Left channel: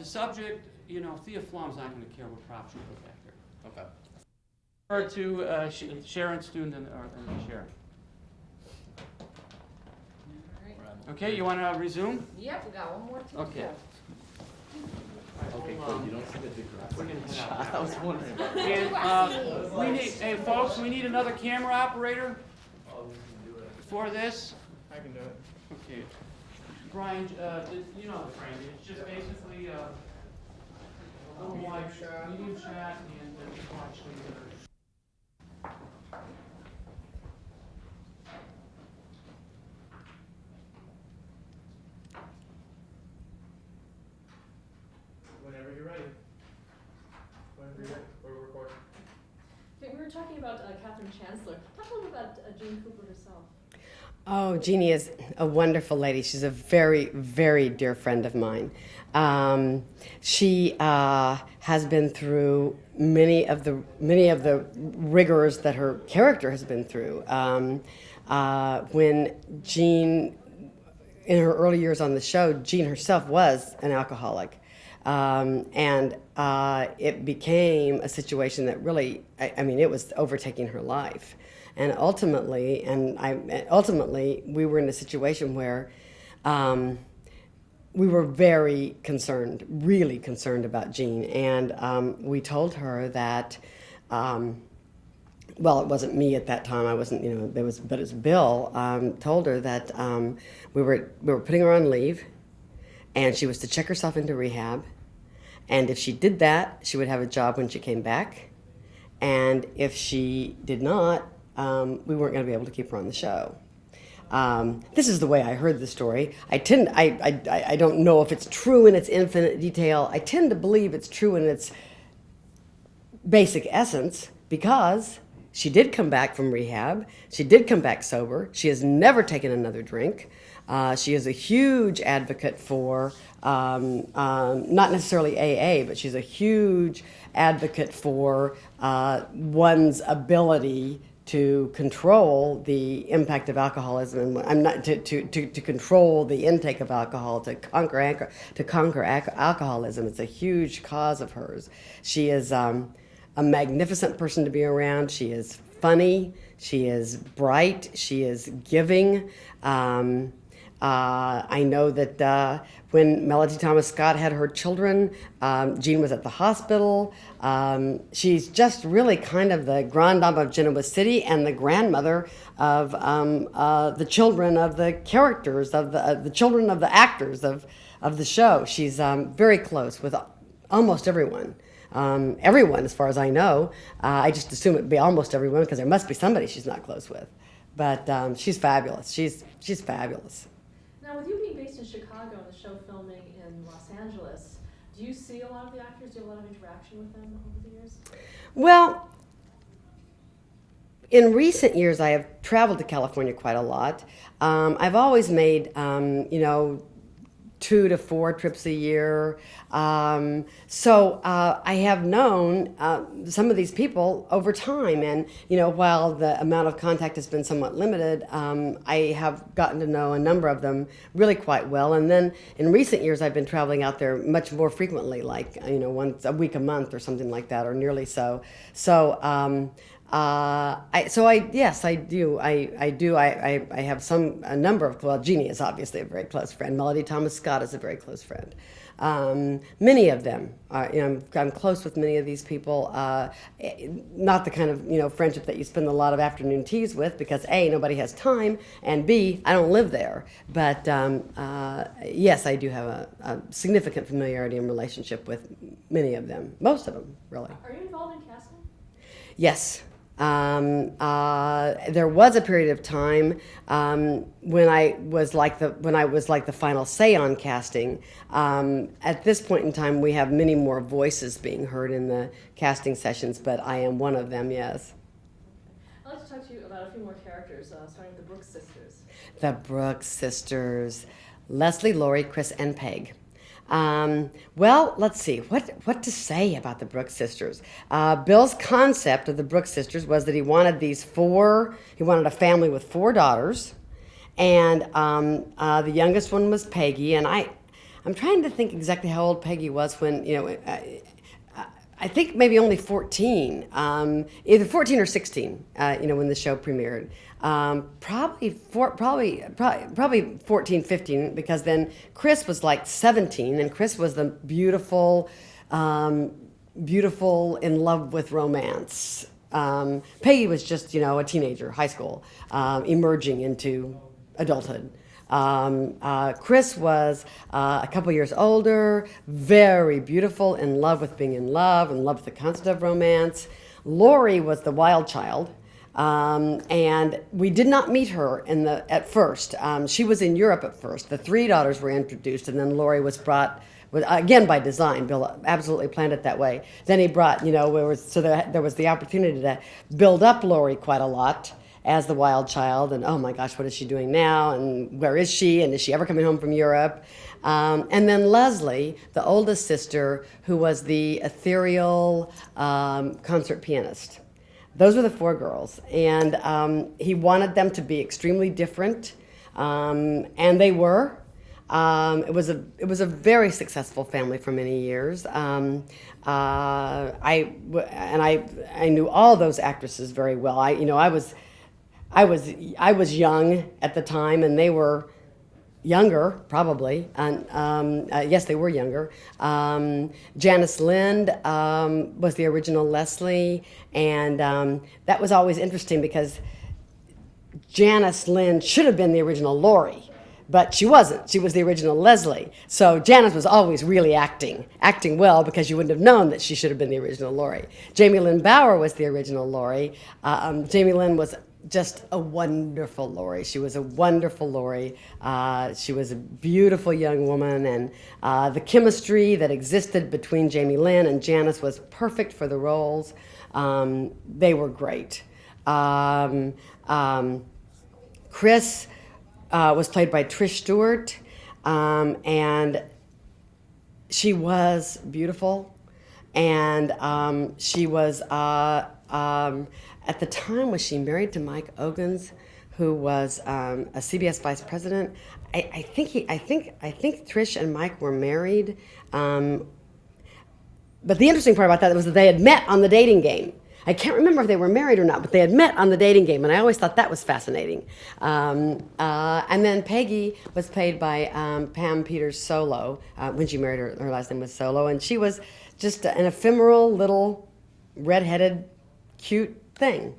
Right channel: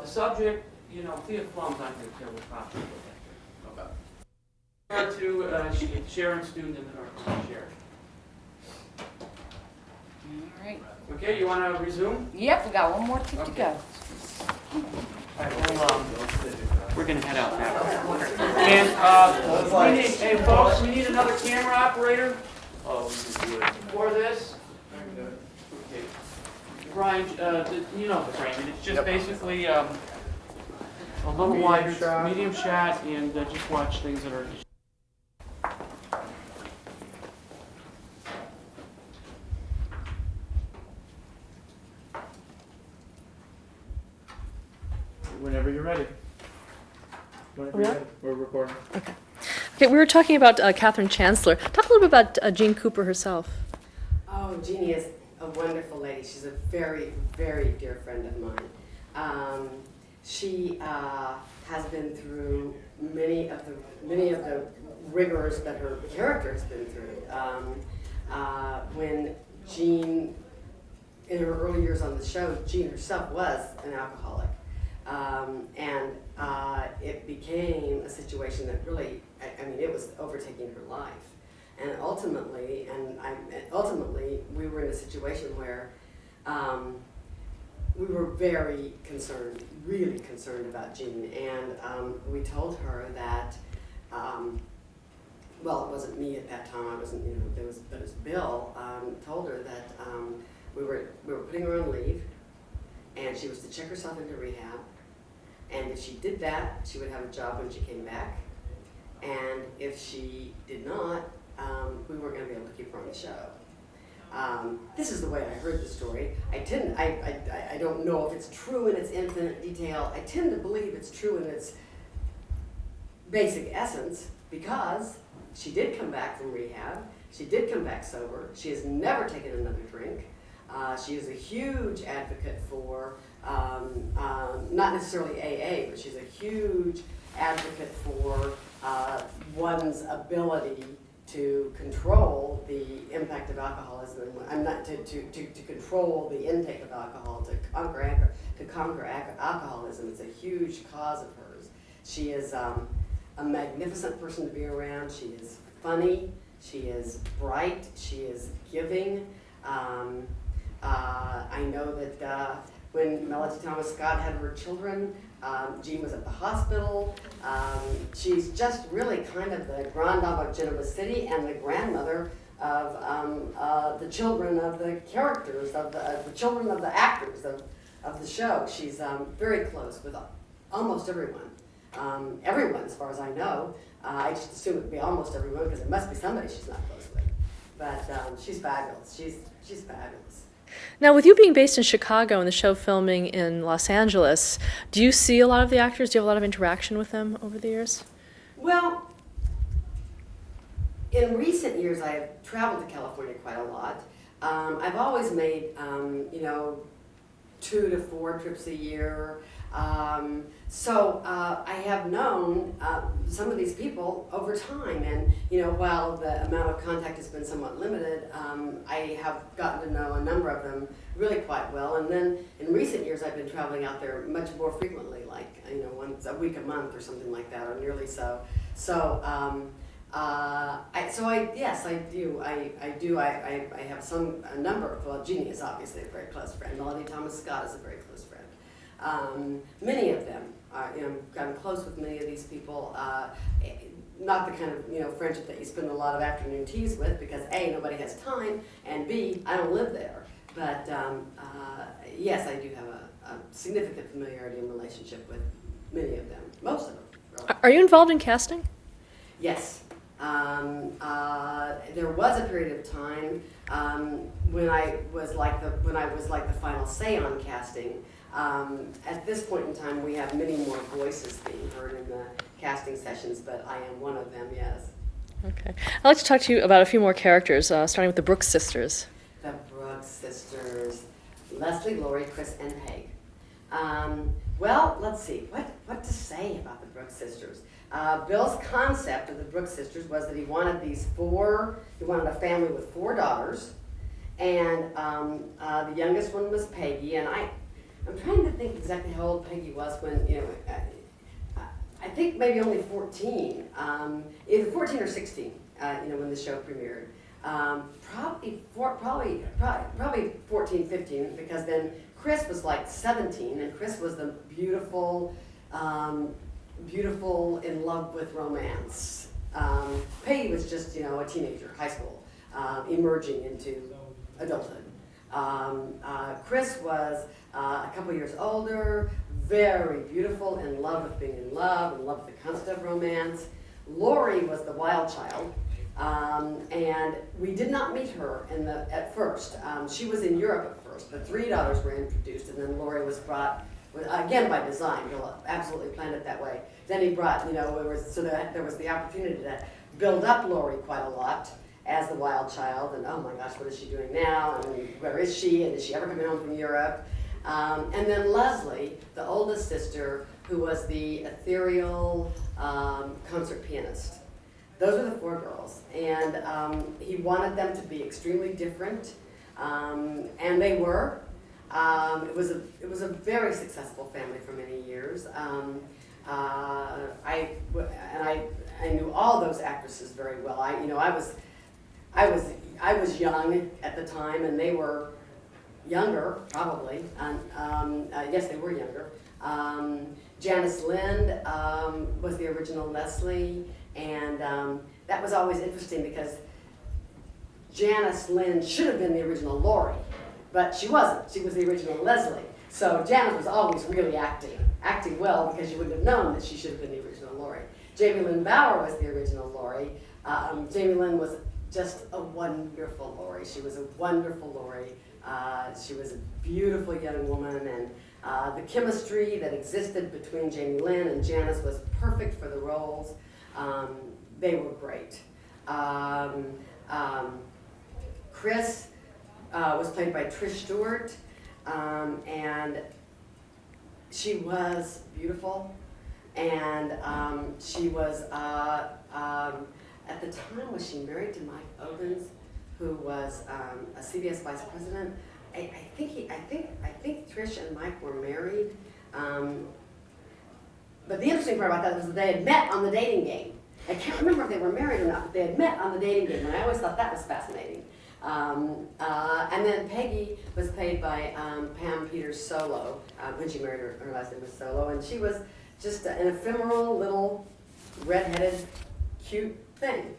The subject, Thea Flom's not going to care what props you put after. Okay. To Sharon Stone, or Sharon. All right. Okay, you want to resume? Yep, we got one more to go. All right, well, we're going to head out now. And folks, we need another camera operator for this. Okay. Brian, you know the frame. It's just basically a little wider, medium shot, and just watch things that are. Whenever you're ready. Whenever you're ready. We're recording. Okay, we were talking about Catherine Chancellor. Talk a little bit about Jean Cooper herself. Oh, Jeannie is a wonderful lady. She's a very, very dear friend of mine. She has been through many of the rigors that her character has been through. When Jean, in her early years on the show, Jean herself was an alcoholic. And it became a situation that really, it was overtaking her life. And ultimately, we were in a situation where we were very concerned, really concerned about Jean. And we told her that, well, it wasn't me at that time. I wasn't, but it was Bill. Told her that we were putting her on leave, and she was to check herself into rehab. And if she did that, she would have a job when she came back. And if she did not, we weren't going to be able to keep her on the show. This is the way I heard the story. I don't know if it's true in its infinite detail. I tend to believe it's true in its basic essence, because she did come back from rehab. She did come back sober. She has never taken another drink. She is a huge advocate for, not necessarily AA, but she's a huge advocate for one's ability to control the impact of alcoholism. I'm not to control the intake of alcohol, to conquer alcoholism. It's a huge cause of hers. She is a magnificent person to be around. She is funny. She is bright. She is giving. I know that when Melody Thomas Scott had her children, Jean was at the hospital. She's just really kind of the grande dame of Genoa City and the grandmother of the children of the characters, of the children of the actors of the show. She's very close with almost everyone. Everyone, as far as I know. I just assume it'd be almost everyone, because there must be somebody she's not close with. But she's fabulous. She's fabulous. Now, with you being based in Chicago and the show filming in Los Angeles, do you see a lot of the actors? Do you have a lot of interaction with them over the years? Well, in recent years, I have traveled to California quite a lot. I've always made, 2 to 4 trips a year. So I have known some of these people over time, and while the amount of contact has been somewhat limited, I have gotten to know a number of them really quite well. And then in recent years, I've been traveling out there much more frequently, like once a week, a month, or something like that, or nearly so. So yes, I do. I have a number of. Well, Jeannie is obviously a very close friend. Melody Thomas Scott is a very close friend. Many of them, I'm close with many of these people. Not the kind of friendship that you spend a lot of afternoon teas with, because A, nobody has time, and B, I don't live there. But yes, I do have a significant familiarity and relationship with many of them, most of them, really. Are you involved in casting? Yes. There was a period of time when I was like the final say on casting. At this point in time, we have many more voices being heard in the casting sessions, but I am one of them. Yes. Okay. I'd like to talk to you about a few more characters, starting with the Brooks sisters. The Brooks sisters, Leslie, Lori, Chris, and Peg. Well, let's see, what to say about the Brooks sisters. Bill's concept of the Brooks sisters was that he wanted a family with 4 daughters, and the youngest one was Peggy, and I'm trying to think exactly how old Peggy was when, I think maybe only 14, either 14 or 16, when the show premiered. Probably 14, 15, because then Chris was like 17, and Chris was the beautiful, in love with romance. Peggy was just, a teenager, high school, emerging into adulthood. Chris was a couple years older, very beautiful, in love with being in love with the concept of romance. Lori was the wild child, and we did not meet her at first. She was in Europe at first. The three daughters were introduced, and then Lori was brought, again by design. Bill absolutely planned it that way. Then he brought, there was the opportunity to build up Lori quite a lot as the wild child, and oh my gosh, what is she doing now, and where is she, and is she ever coming home from Europe? And then Leslie, the oldest sister, who was the ethereal concert pianist. Those were the four girls, and he wanted them to be extremely different, and they were. It was a very successful family for many years. I knew all those actresses very well. I was young at the time, and they were younger, probably. And yes, they were younger. Janice Lind was the original Leslie, and that was always interesting because Janice Lind should have been the original Lori, but she wasn't. She was the original Leslie. So Janice was always really acting well, because you wouldn't have known that she should have been the original Lori. Jamie Lynn Bower was the original Lori. Jamie Lynn was just a wonderful Lori. She was a wonderful Lori. She was a beautiful young woman, and the chemistry that existed between Jamie Lynn and Janice was perfect for the roles. They were great. Chris was played by Trish Stewart, and she was beautiful, and she was at the time, was she married to Mike Ogans, who was a CBS vice president? I think Trish and Mike were married. But the interesting part about that was that they had met on the dating game. I can't remember if they were married or not, but they had met on the dating game, and I always thought that was fascinating. And then Peggy was played by Pam Peters Solo. When she married, her last name was Solo, and she was just an ephemeral little redheaded, cute thing.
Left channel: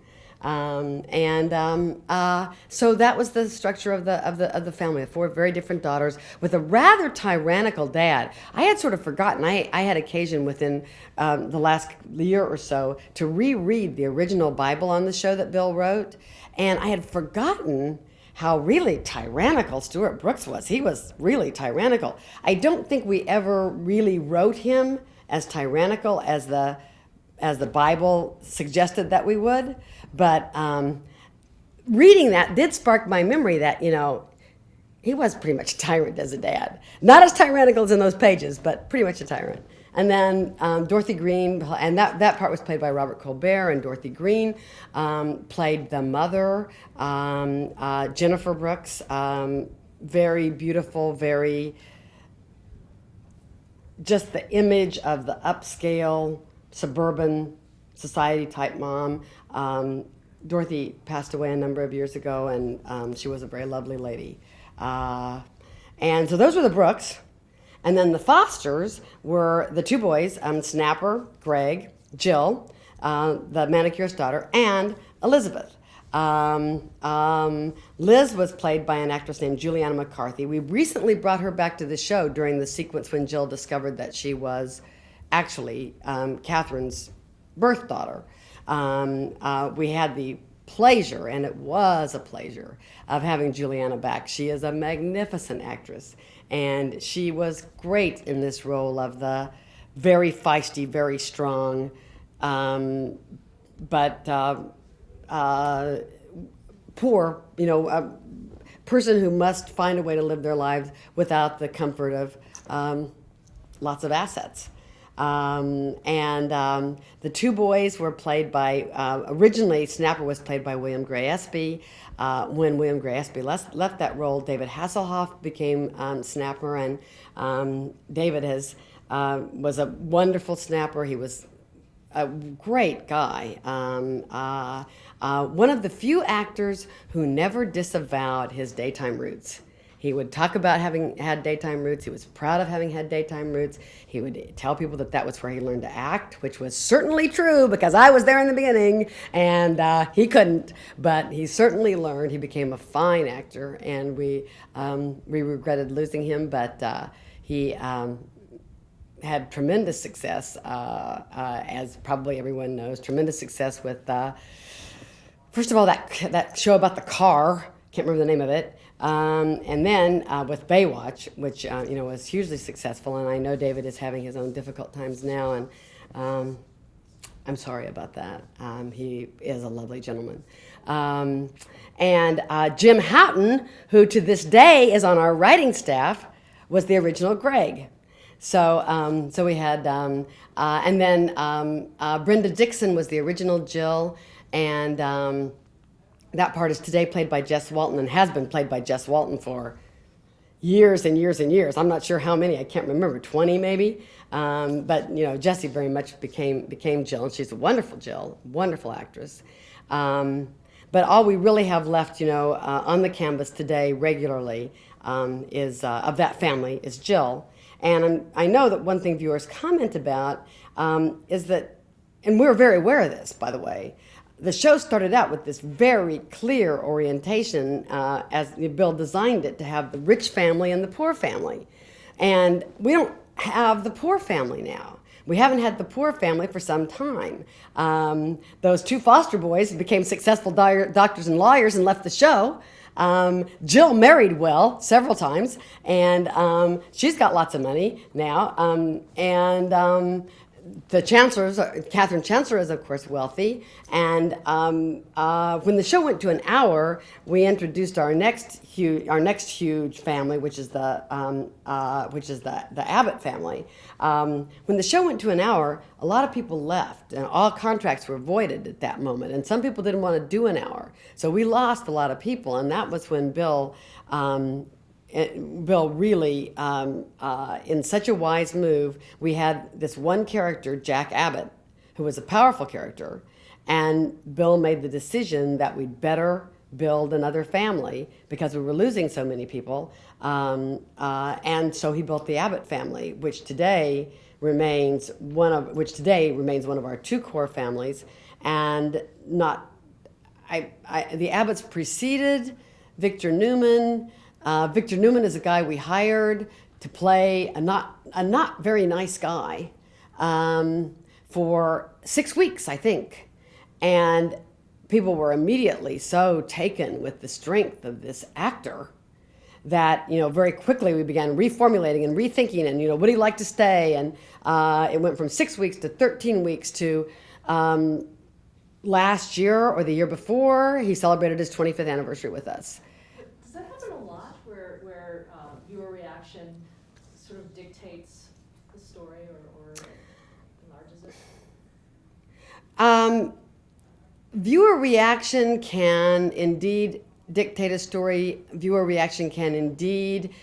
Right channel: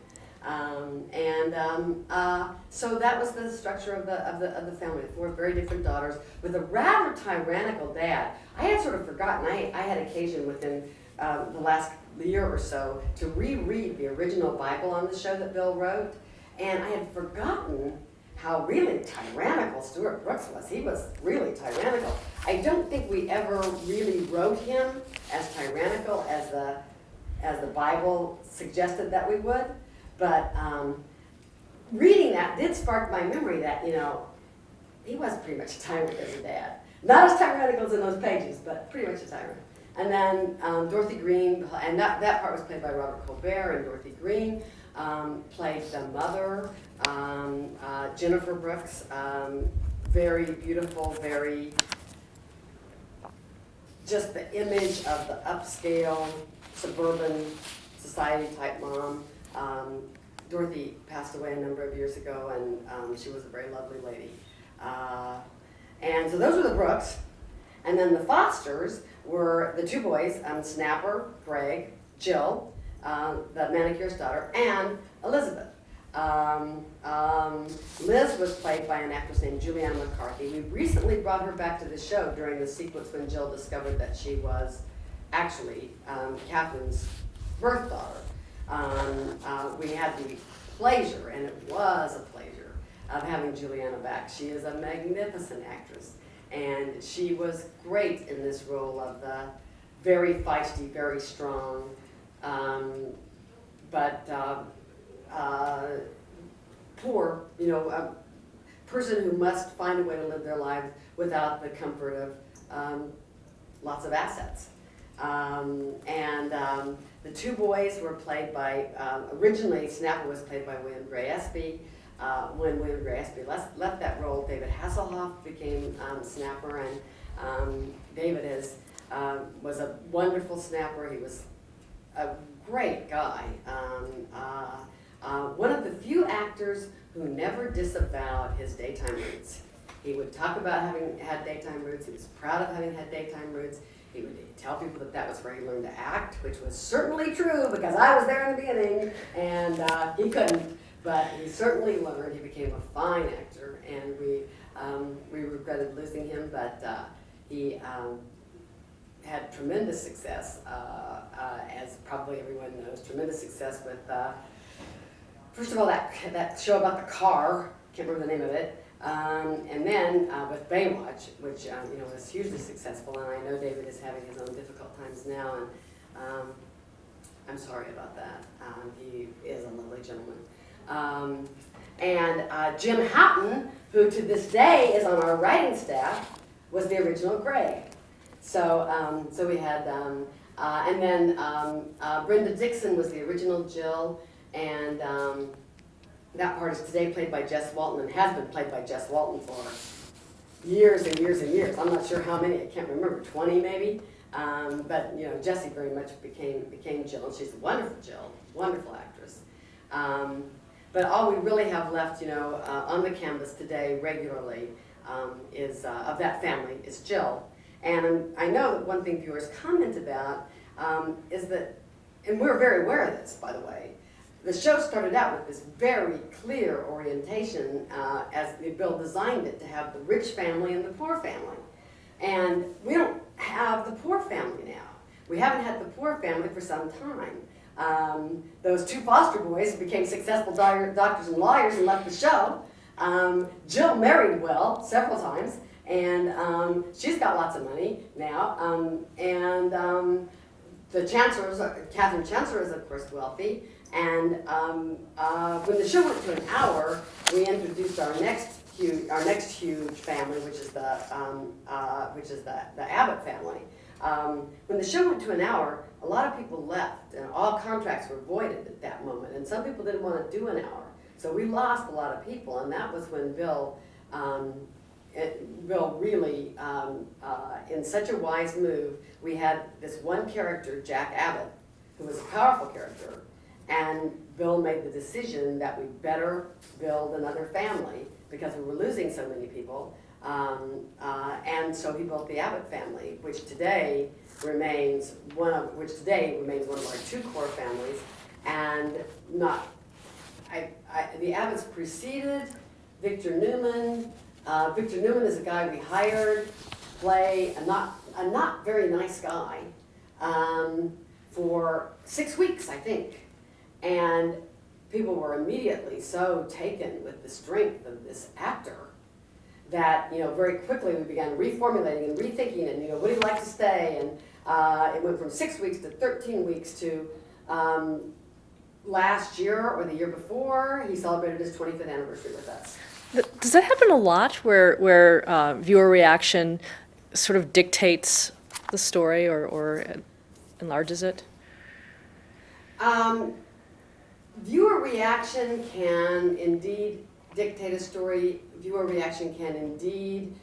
So that was the structure of the family. Four very different daughters with a rather tyrannical dad. I had sort of forgotten. I had occasion within the last year or so to reread the original Bible on the show that Bill wrote, and I had forgotten how really tyrannical Stuart Brooks was. He was really tyrannical. I don't think we ever really wrote him as tyrannical as the Bible suggested that we would. But reading that did spark my memory that, he was pretty much a tyrant as a dad. Not as tyrannical as in those pages, but pretty much a tyrant. And then Dorothy Green, and that part was played by Robert Colbert, and Dorothy Green played the mother, Jennifer Brooks, very beautiful, very, just the image of the upscale, suburban society type mom. Dorothy passed away a number of years ago, and she was a very lovely lady. And so those were the Brooks. And then the Fosters were the two boys, Snapper, Greg, Jill, the manicurist's daughter, and Elizabeth. Liz was played by an actress named Juliana McCarthy. We recently brought her back to the show during the sequence when Jill discovered that she was actually Catherine's birth daughter. We had the pleasure, and it was a pleasure, of having Juliana back. She is a magnificent actress, and she was great in this role of the very feisty, very strong, but poor, person who must find a way to live their lives without the comfort of lots of assets. The two boys were played by, originally Snapper was played by William Gray Espy. When William Gray Espy left that role, David Hasselhoff became Snapper, and David was a wonderful snapper. He was a great guy. One of the few actors who never disavowed his daytime roots. He would talk about having had daytime roots. He was proud of having had daytime roots. He would tell people that was where he learned to act, which was certainly true because I was there in the beginning, and he couldn't. But he certainly learned. He became a fine actor, and we regretted losing him, but he had tremendous success, as probably everyone knows, tremendous success with, first of all, that show about the car, can't remember the name of it, and then with Baywatch, which was hugely successful, and I know David is having his own difficult times now, and I'm sorry about that. He is a lovely gentleman. And Jim Houghton, who to this day is on our writing staff, was the original Greg. So we had, and then Brenda Dixon was the original Jill, and that part is today played by Jess Walton and has been played by Jess Walton for years and years and years. I'm not sure how many, I can't remember, 20 maybe. But Jessie very much became Jill, and she's a wonderful Jill, wonderful actress. But all we really have left, on the canvas today regularly is of that family is Jill. And I know that one thing viewers comment about is that, and we're very aware of this, by the way, the show started out with this very clear orientation as Bill designed it to have the rich family and the poor family. And we don't have the poor family now. We haven't had the poor family for some time. Those two foster boys became successful doctors and lawyers and left the show. Jill married well several times, and she's got lots of money now. The Chancellor's, Catherine Chancellor is of course wealthy. And when the show went to an hour, we introduced our next huge family, which is the Abbott family. When the show went to an hour, a lot of people left, and all contracts were voided at that moment. And some people didn't want to do an hour, so we lost a lot of people. And that was when Bill really, in such a wise move, we had this one character, Jack Abbott, who was a powerful character, and Bill made the decision that we'd better build another family because we were losing so many people. And so he built the Abbott family, which today remains one of our two core families, and the Abbotts preceded Victor Newman. Victor Newman is a guy we hired to play a not very nice guy for 6 weeks, I think, and people were immediately so taken with the strength of this actor that very quickly we began reformulating and rethinking, and would he like to stay? And it went from 6 weeks to 13 weeks to last year or the year before he celebrated his 25th anniversary with us. Does that happen a lot, where viewer reaction sort of dictates the story or enlarges it? Viewer reaction can indeed dictate a story. Viewer reaction can indeed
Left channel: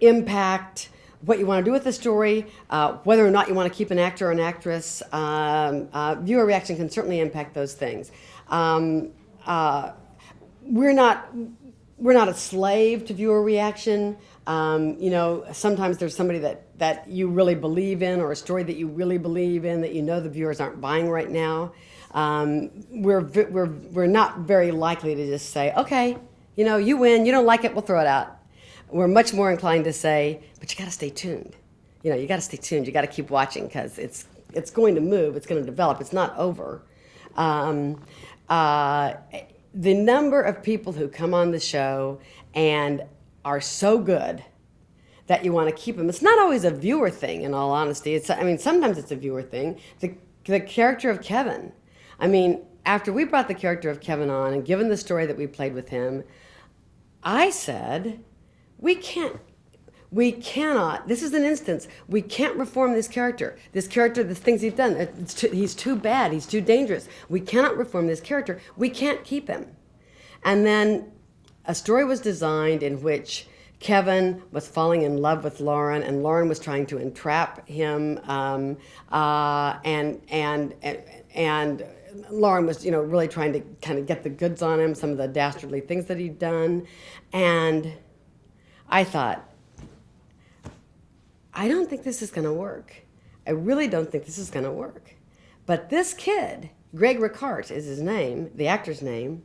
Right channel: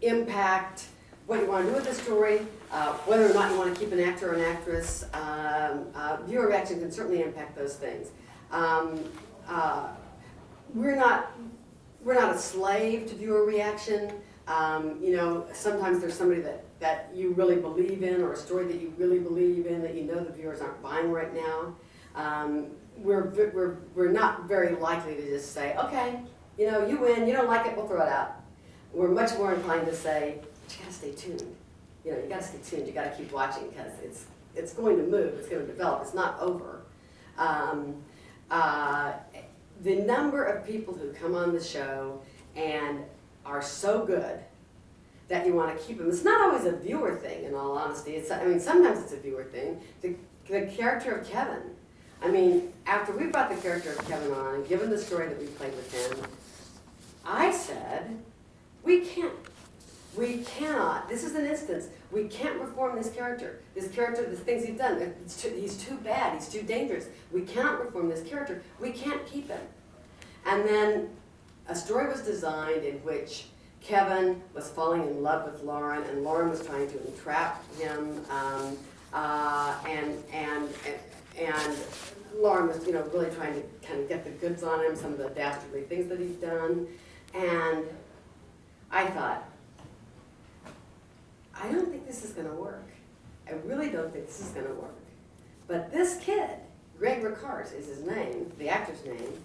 impact what you want to do with the story, whether or not you want to keep an actor or an actress. Viewer reaction can certainly impact those things. We're not a slave to viewer reaction. Sometimes there's somebody that you really believe in, or a story that you really believe in that the viewers aren't buying right now. We're not very likely to just say, okay, you win, you don't like it, we'll throw it out. We're much more inclined to say, but you got to stay tuned. You got to stay tuned. You got to keep watching because it's going to move. It's going to develop. It's not over. The number of people who come on the show and are so good that you want to keep them. It's not always a viewer thing, in all honesty. Sometimes it's a viewer thing. The character of Kevin. After we brought the character of Kevin on and given the story that we played with him, I said, we cannot, this is an instance, we can't reform this character. The things he's done, he's too bad, he's too dangerous. We cannot reform this character. We can't keep him. And then a story was designed in which Kevin was falling in love with Lauren, and Lauren was trying to entrap him, and Lauren was, really trying to kind of get the goods on him, some of the dastardly things that he'd done, and I thought, I don't think this is going to work. I really don't think this is going to work. But this kid, Greg Ricart is his name, the actor's name,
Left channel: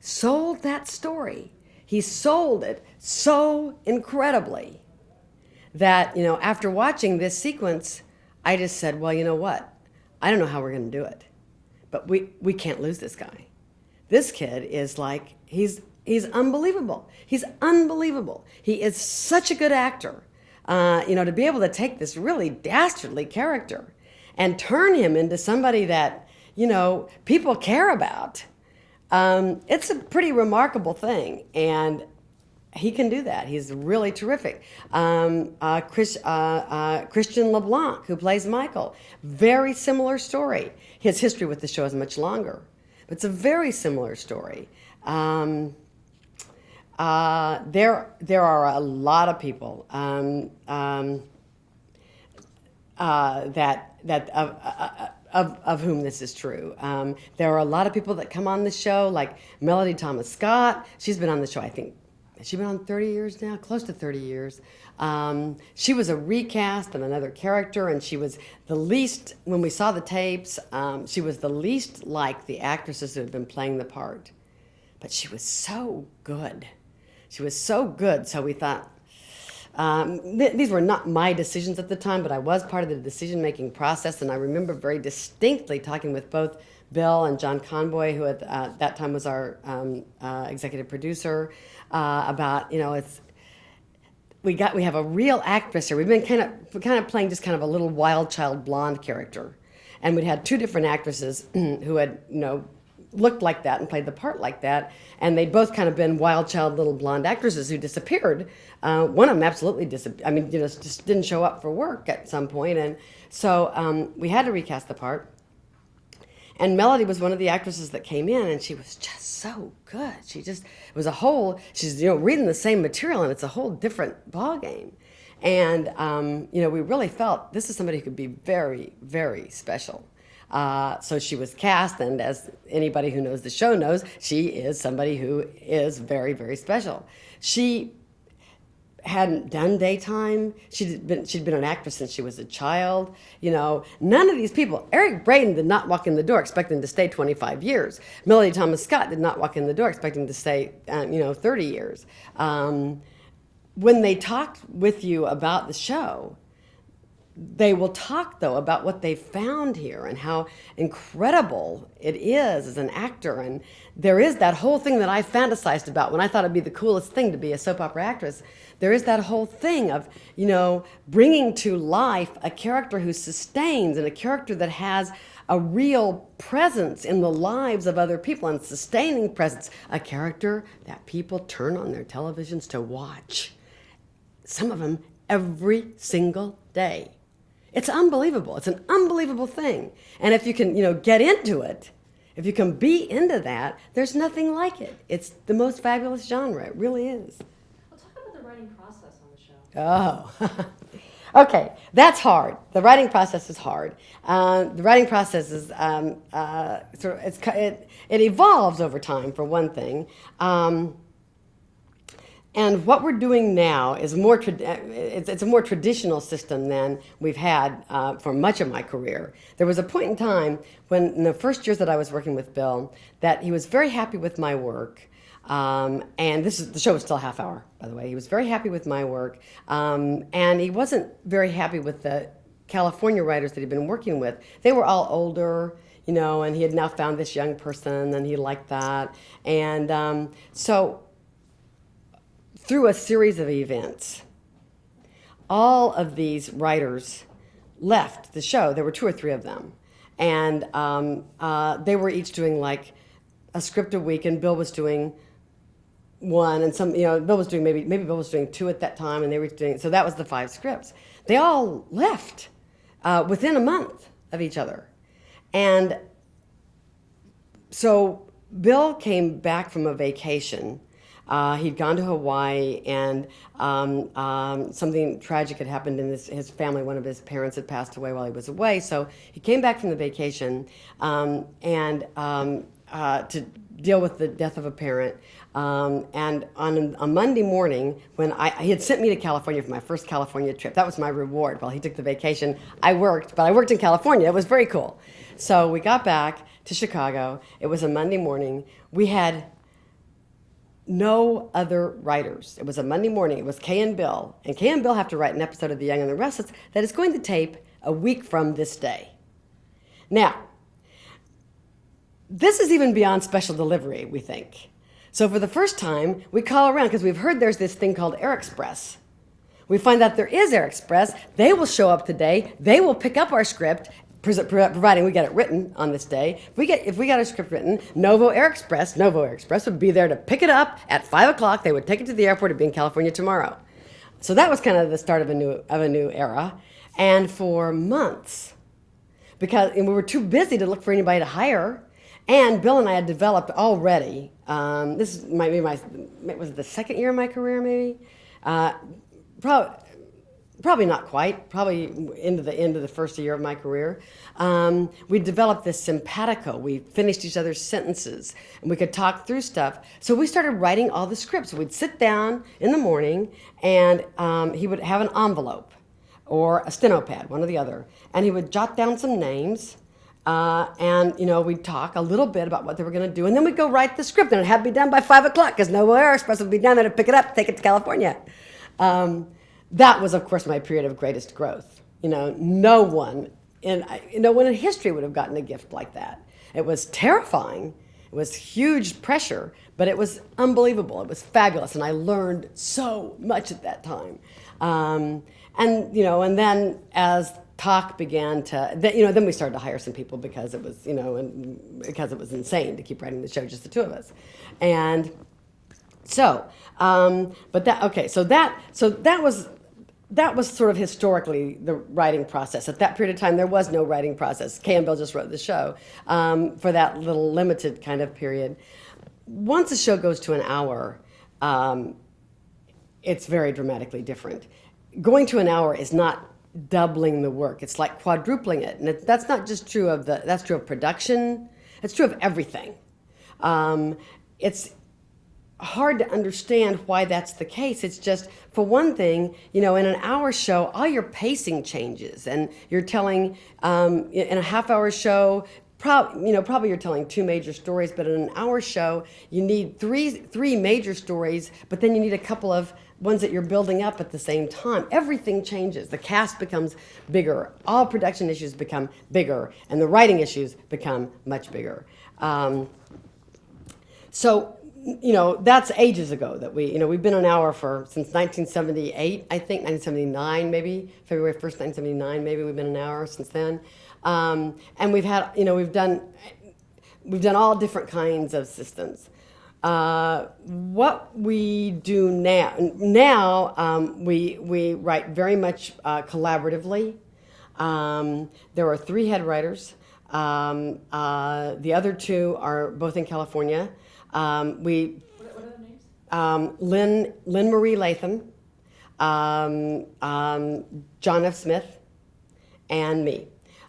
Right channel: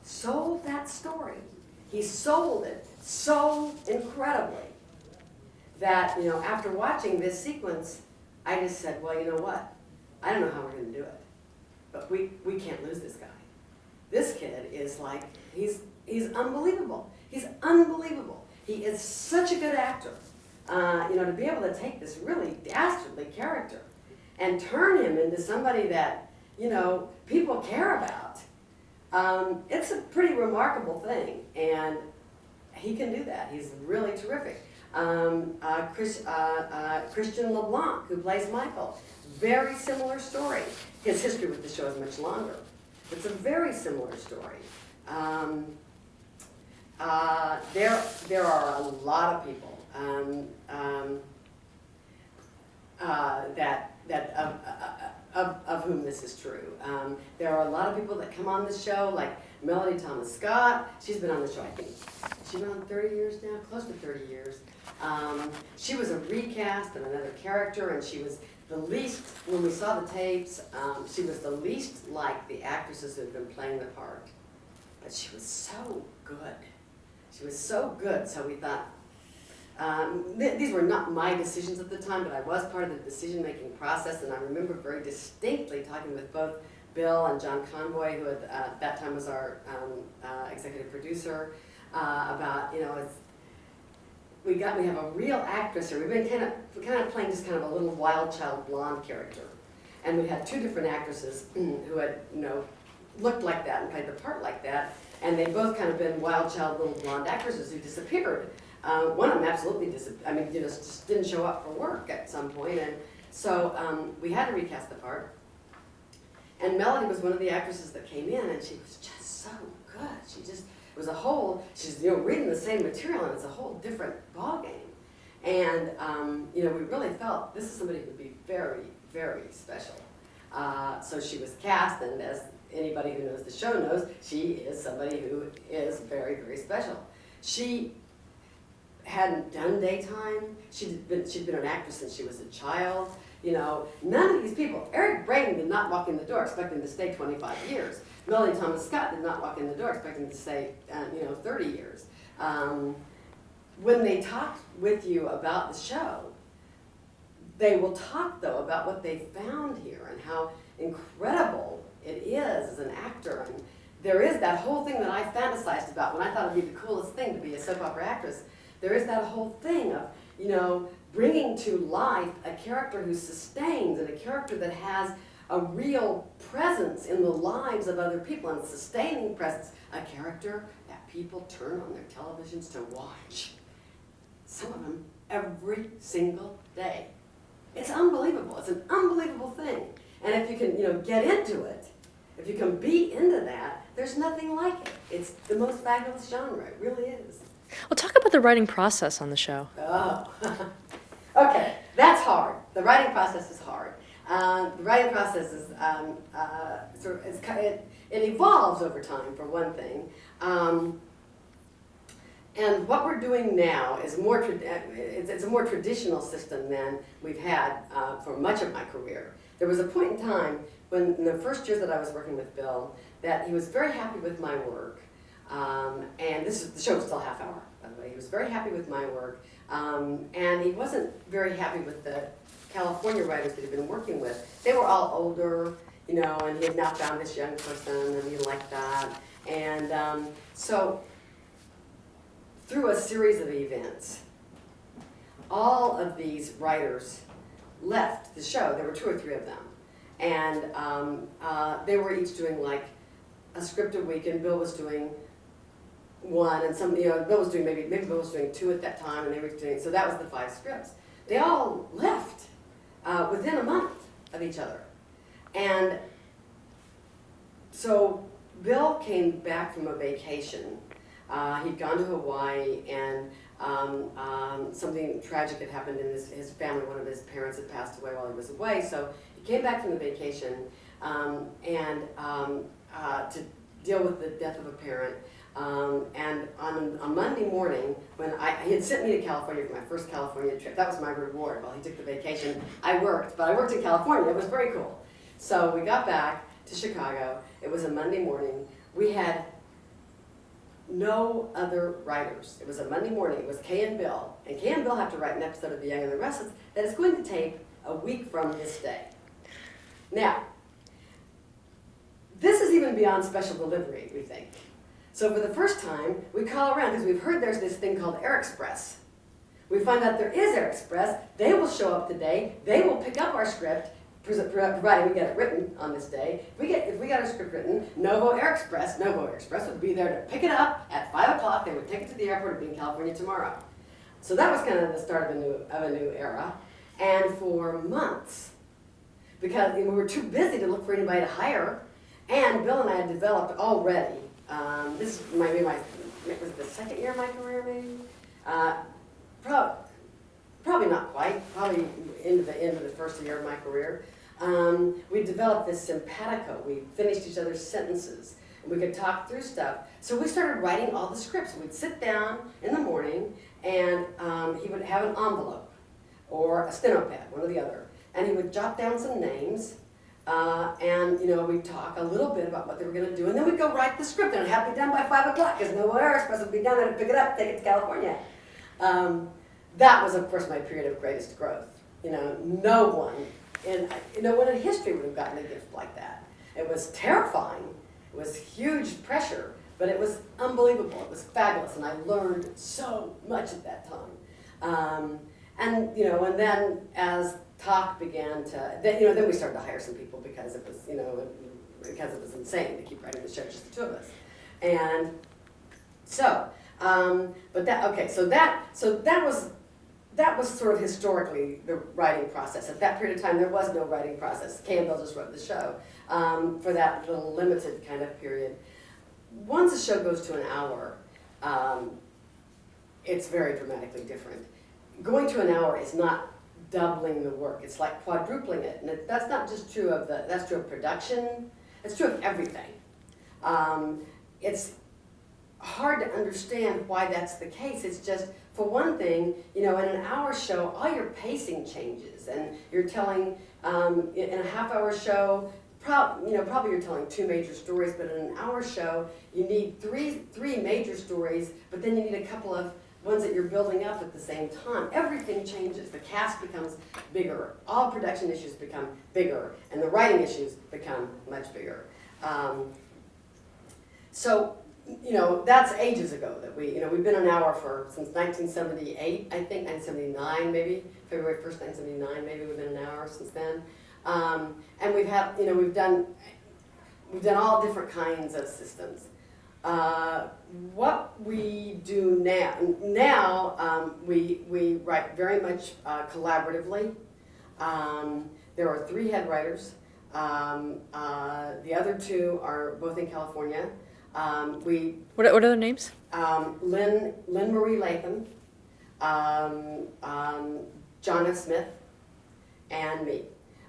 sold that story. He sold it so incredibly that, after watching this sequence, I just said, well, you know what? I don't know how we're going to do it, but we can't lose this guy. This kid is like, he's unbelievable. He's unbelievable. He is such a good actor. To be able to take this really dastardly character and turn him into somebody that, people care about. It's a pretty remarkable thing, and he can do that. He's really terrific. Christian LeBlanc, who plays Michael, very similar story. His history with the show is much longer. It's a very similar story. There are a lot of people of whom this is true. There are a lot of people that come on the show, like Melody Thomas Scott. She's been on the show, I think, has she been on 30 years now? Close to 30 years. She was a recast of another character, and she was the least, when we saw the tapes, she was the least like the actresses who had been playing the part. But she was so good. She was so good, so we thought, these were not my decisions at the time, but I was part of the decision-making process, and I remember very distinctly talking with both Bill and John Conboy, who at that time was our executive producer, about, we have a real actress here. We've been kind of playing just kind of a little wild child blonde character, and we'd had two different actresses who had, looked like that and played the part like that, and they'd both kind of been wild child little blonde actresses who disappeared. One of them absolutely disappeared. I mean, just didn't show up for work at some point, and so we had to recast the part. And Melody was one of the actresses that came in, and she was just so good. She's reading the same material, and it's a whole different ballgame. And we really felt this is somebody who could be very, very special. So she was cast, and as anybody who knows the show knows, she is somebody who is very, very special. She hadn't done daytime. She'd been an actress since she was a child. None of these people. Eric Braeden did not walk in the door expecting to stay 25 years. Melody Thomas Scott did not walk in the door expecting to stay, 30 years. When they talked with you about the show, they will talk, though, about what they found here and how incredible it is as an actor. And there is that whole thing that I fantasized about when I thought it'd be the coolest thing to be a soap opera actress. There is that whole thing of, bringing to life a character who sustains and a character that has a real presence in the lives of other people and sustaining presence. A character that people turn on their televisions to watch. Some of them every single day. It's unbelievable. It's an unbelievable thing. And if you can, get into it, if you can be into that, there's nothing like it. It's the most fabulous genre. It really is. Well, talk about the writing process on the show. Oh, okay. That's hard. The writing process is hard. The writing process is it evolves over time, for one thing. And what we're doing now is it's a more traditional system than we've had for much of my career. There was a point in time when, in the first years that I was working with Bill, that he was very happy with my work. And the show was still a half hour, by the way. He was very happy with my work. And he wasn't very happy with the California writers that he'd been working with. They were all older, and he had now found this young person, and he liked that. And so through a series of events, all of these writers left the show. There were 2 or 3 of them. And they were each doing like a script a week, and Bill was doing 1, and Bill was doing maybe Bill was doing 2 at that time, and they were doing, so that was the 5 scripts. They all left within a month of each other. And so Bill came back from a vacation He'd gone to Hawaii, and something tragic had happened in his family. One of his parents had passed away while he was away, so he came back from the vacation and to deal with the death of a parent. And on a Monday morning, when he had sent me to California for my first California trip, that was my reward. While he took the vacation, I worked, but I worked in California. It was very cool. So we got back to Chicago. It was a Monday morning. We had no other writers. It was a Monday morning. It was Kay and Bill. And Kay and Bill have to write an episode of The Young and the Restless that is going to tape a week from this day. Now, this is even beyond special delivery, we think. So for the first time, we call around because we've heard there's this thing called Air Express. We find out there is Air Express. They will show up today. They will pick up our script, providing we get it written on this day. If we got our script written, Novo Air Express would be there to pick it up at 5 o'clock. They would take it to the airport and be in California tomorrow. So that was kind of the start of a new era. And for months, because we were too busy to look for anybody to hire, and Bill and I had developed already. This might be it was the second year of my career, maybe. Probably not quite. Probably into the end of the first year of my career. We developed this simpatico. We finished each other's sentences, and we could talk through stuff. So we started writing all the scripts. We'd sit down in the morning, and he would have an envelope or a steno pad, one or the other, and he would jot down some names. And we'd talk a little bit about what they were going to do, and then we'd go write the script, and it had to be done by 5 o'clock because Novo Air Express would be down there to pick it up, take it to California. That was, of course, my period of greatest growth. No one in history would have gotten a gift like that. It was terrifying. It was huge pressure, but it was unbelievable. It was fabulous, and I learned so much at that time. And then as talk began to, then we started to hire some people because it was, because it was insane to keep writing the show, just the two of us. And so, that was sort of historically the writing process. At that period of time, there was no writing process. Kay and Bill just wrote the show for that little limited kind of period. Once a show goes to an hour, it's very dramatically different. Going to an hour is not doubling the work. It's like quadrupling it. And that's not just true of that's true of production. It's true of everything. It's hard to understand why that's the case. It's just, for one thing, in an hour show, all your pacing changes, and you're telling, in a half-hour show, probably you're telling two major stories, but in an hour show, you need three major stories, but then you need a couple of ones that you're building up at the same time. Everything changes. The cast becomes bigger. All production issues become bigger, and the writing issues become much bigger. So that's ages ago that we've been an hour since 1978, I think, 1979 maybe, February 1st, 1979, maybe we've been an hour since then. And we've had, we've done all different kinds of systems. What we do now, we write very much collaboratively. There are 3 head writers. The other 2 are both in California. What are their names? Lynn Marie Latham, John F. Smith, and me.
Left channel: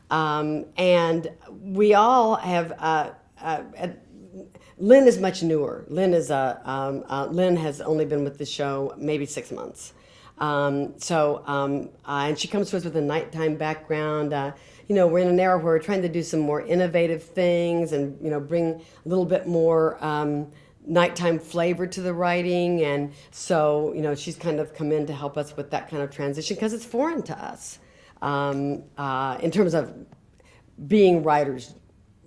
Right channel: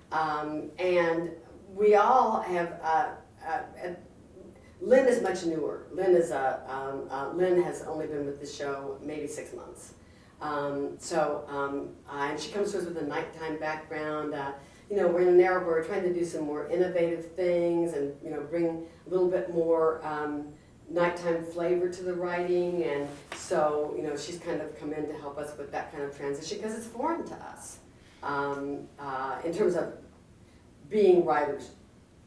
And we all have. Lynn is much newer. Lynn has only been with the show maybe 6 months. And she comes to us with a nighttime background. We're in an era where we're trying to do some more innovative things and, bring a little bit more nighttime flavor to the writing. And so, she's kind of come in to help us with that kind of transition because it's foreign to us in terms of being writers,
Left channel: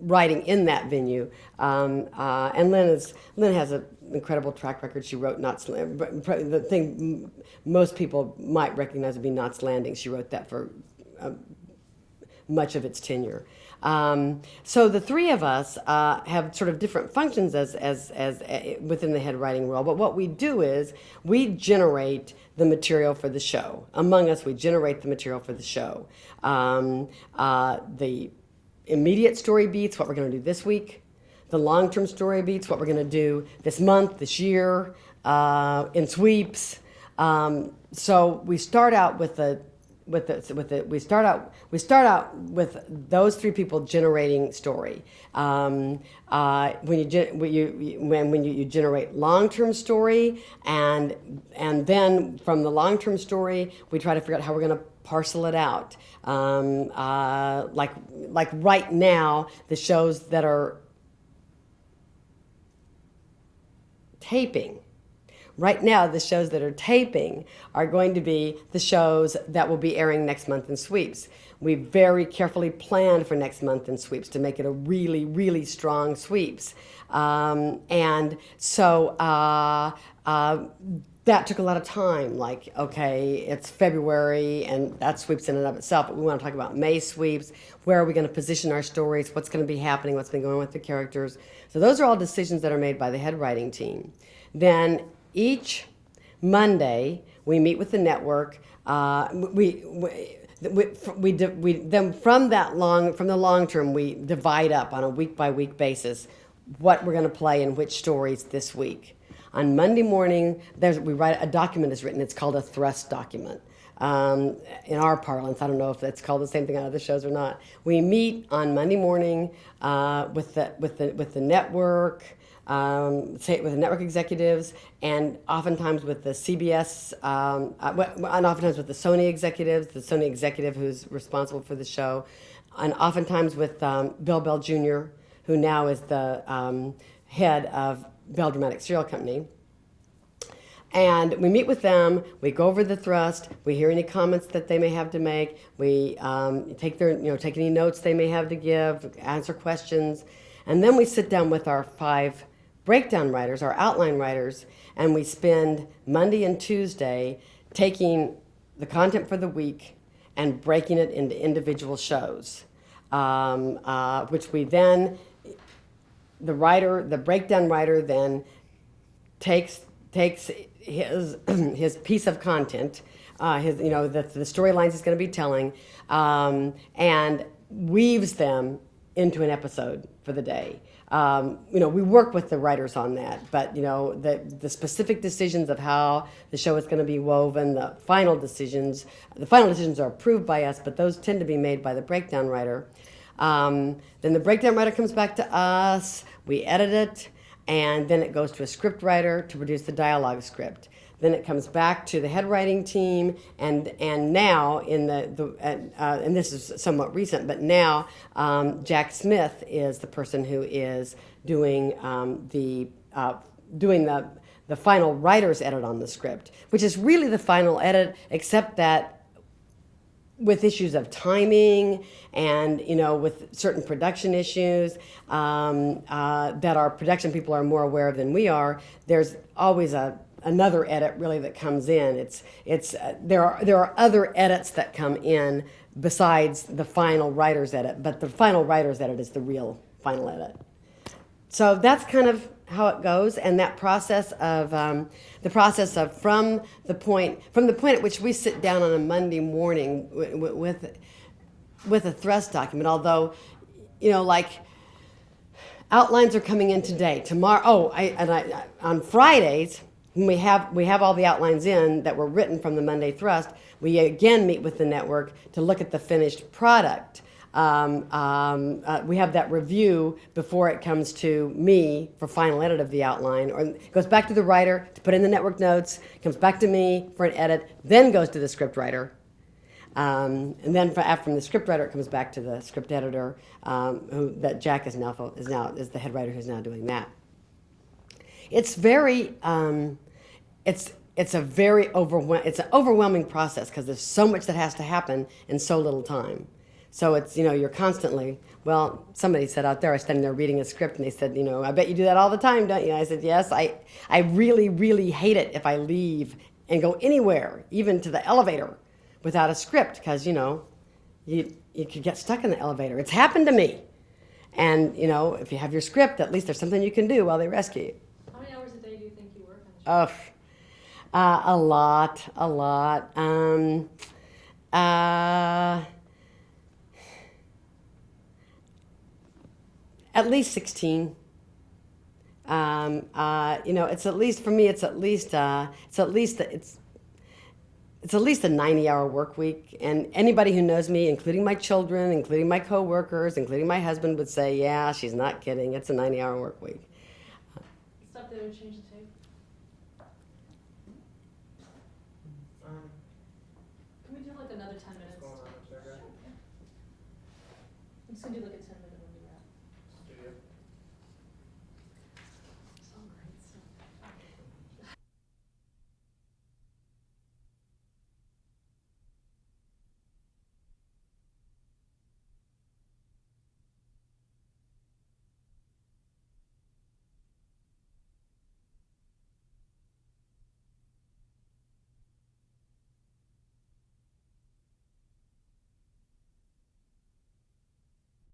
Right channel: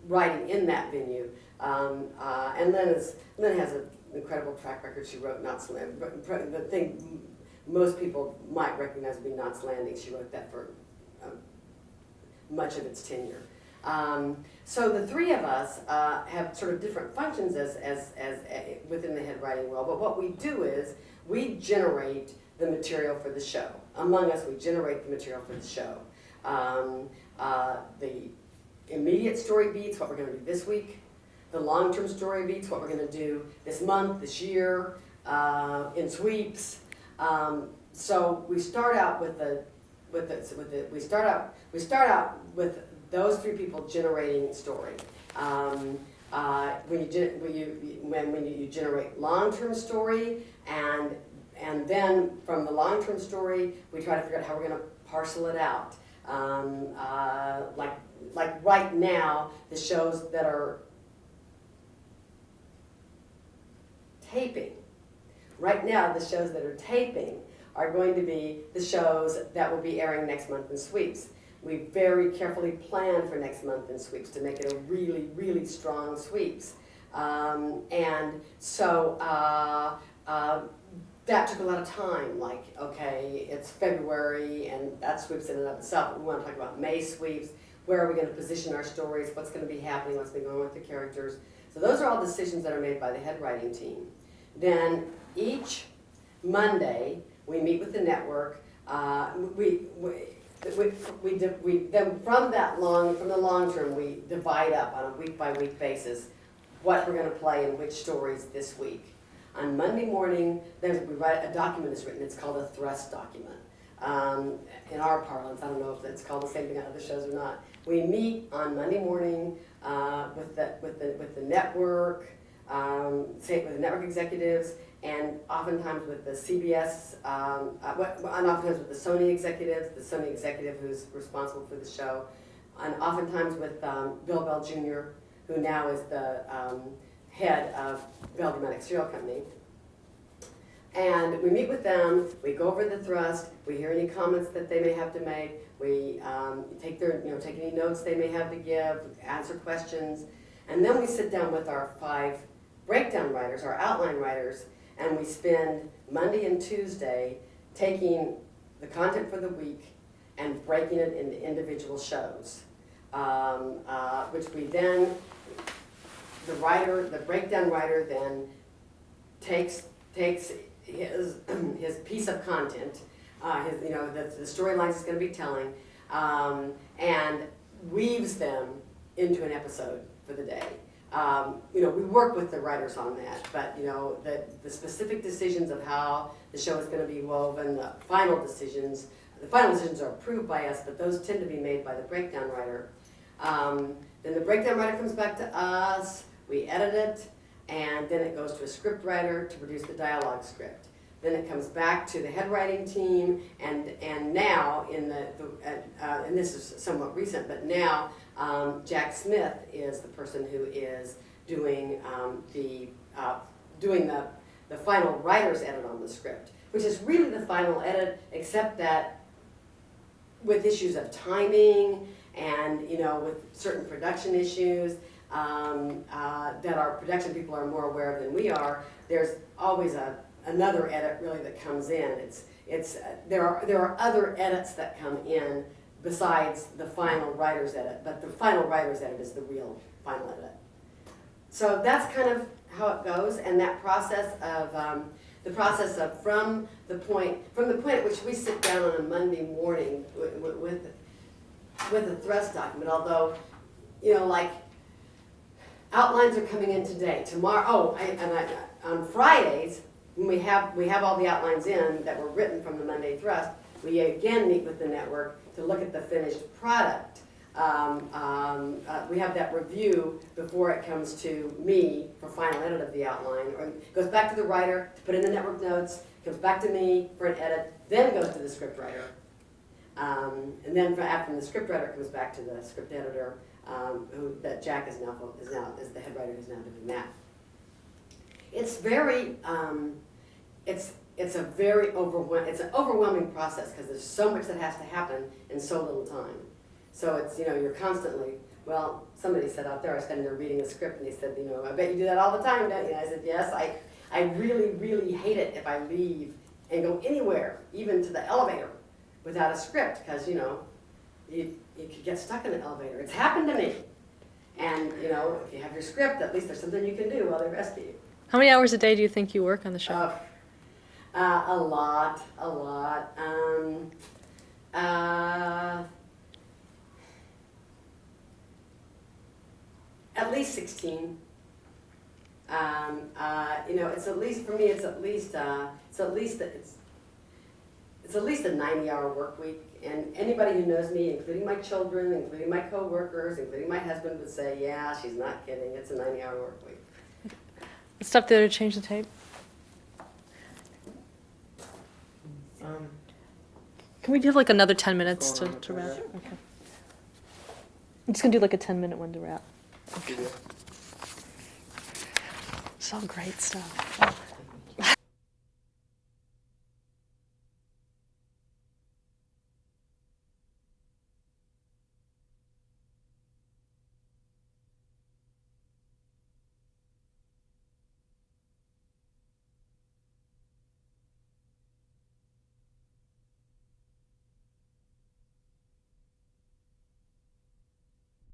writing in that venue. And Lynn has an incredible track record. She wrote Knots Landing. The thing most people might recognize would be Knots Landing. She wrote that for much of its tenure. So the 3 of us have sort of different functions as within the head writing role. But what we do is we generate the material for the show. Among us, we generate the material for the show. The immediate story beats, what we're going to do this week. The long-term story beats, what we're going to do this month, this year. in sweeps. So we start out with we start out with those three people generating story. When you generate long-term story, and then from the long-term story, we try to figure out how we're going to parcel it out. Like right now, the shows that are taping. Right now, the shows that are taping are going to be the shows that will be airing next month in sweeps. We very carefully planned for next month in sweeps to make it a really, really strong sweeps. And so that took a lot of time. Like, okay, it's February, and that sweeps in and of itself, but we want to talk about May sweeps. Where are we going to position our stories? What's going to be happening? What's been going on with the characters? So those are all decisions that are made by the head writing team. Then each Monday, we meet with the network. Then from the long term, we divide up on a week by week basis what we're going to play in which stories this week. On Monday morning, a document is written. It's called a thrust document. In our parlance, I don't know if that's called the same thing out of the shows or not. We meet on Monday morning with the network. With the network executives, and oftentimes with the CBS, and oftentimes with the Sony executives, the Sony executive who's responsible for the show, and oftentimes with Bill Bell Jr., who now is the head of Bell Dramatic Serial Company. And we meet with them, we go over the thrust, we hear any comments that they may have to make, we take any notes they may have to give, answer questions, and then we sit down with our 5 breakdown writers, our outline writers, and we spend Monday and Tuesday taking the content for the week and breaking it into individual shows, which we then, the breakdown writer then takes his piece of content, the storylines he's going to be telling, and weaves them into an episode for the day. We work with the writers on that, but the specific decisions of how the show is going to be woven, the final decisions are approved by us, but those tend to be made by the breakdown writer. Then the breakdown writer comes back to us, we edit it, and then it goes to a script writer to produce the dialogue script. Then it comes back to the head writing team, and now and this is somewhat recent, but now Jack Smith is the person who is doing the final writer's edit on the script, which is really the final edit, except that with issues of timing and with certain production issues that our production people are more aware of than we are, there's always another edit really that comes in. There are other edits that come in besides the final writer's edit, but the final writer's edit is the real final edit. So that's kind of how it goes, and that process of from the point at which we sit down on a Monday morning with a thrust document. Although, like outlines are coming in today, tomorrow. On Fridays, when we have all the outlines in that were written from the Monday thrust, we again meet with the network to look at the finished product. We have that review before it comes to me for final edit of the outline, or it goes back to the writer to put in the network notes, comes back to me for an edit, then goes to the script writer. And then from the script writer, it comes back to the script editor, that Jack is the head writer who's now doing that. It's very, it's an overwhelming process because there's so much that has to happen in so little time. So it's, you're constantly, somebody said out there, I was standing there reading a script and they said, I bet you do that all the time, don't you? I said, yes, I really, really hate it if I leave and go anywhere, even to the elevator, without a script, because, you could get stuck in the elevator. It's happened to me. And, if you have your script, at least there's something you can do while they rescue you. How many hours a day do you think you work on the show? A lot. At least 16. You know, it's at least for me. It's at least a 90-hour work week. And anybody who knows me, including my children, including my coworkers, including my husband, would say, "Yeah, she's not kidding. It's a 90-hour work week." Let's stop there to change the tape. Can we have like another 10 minutes to wrap? Okay. I'm just gonna do like a 10-minute one to wrap. Okay. It's all great stuff.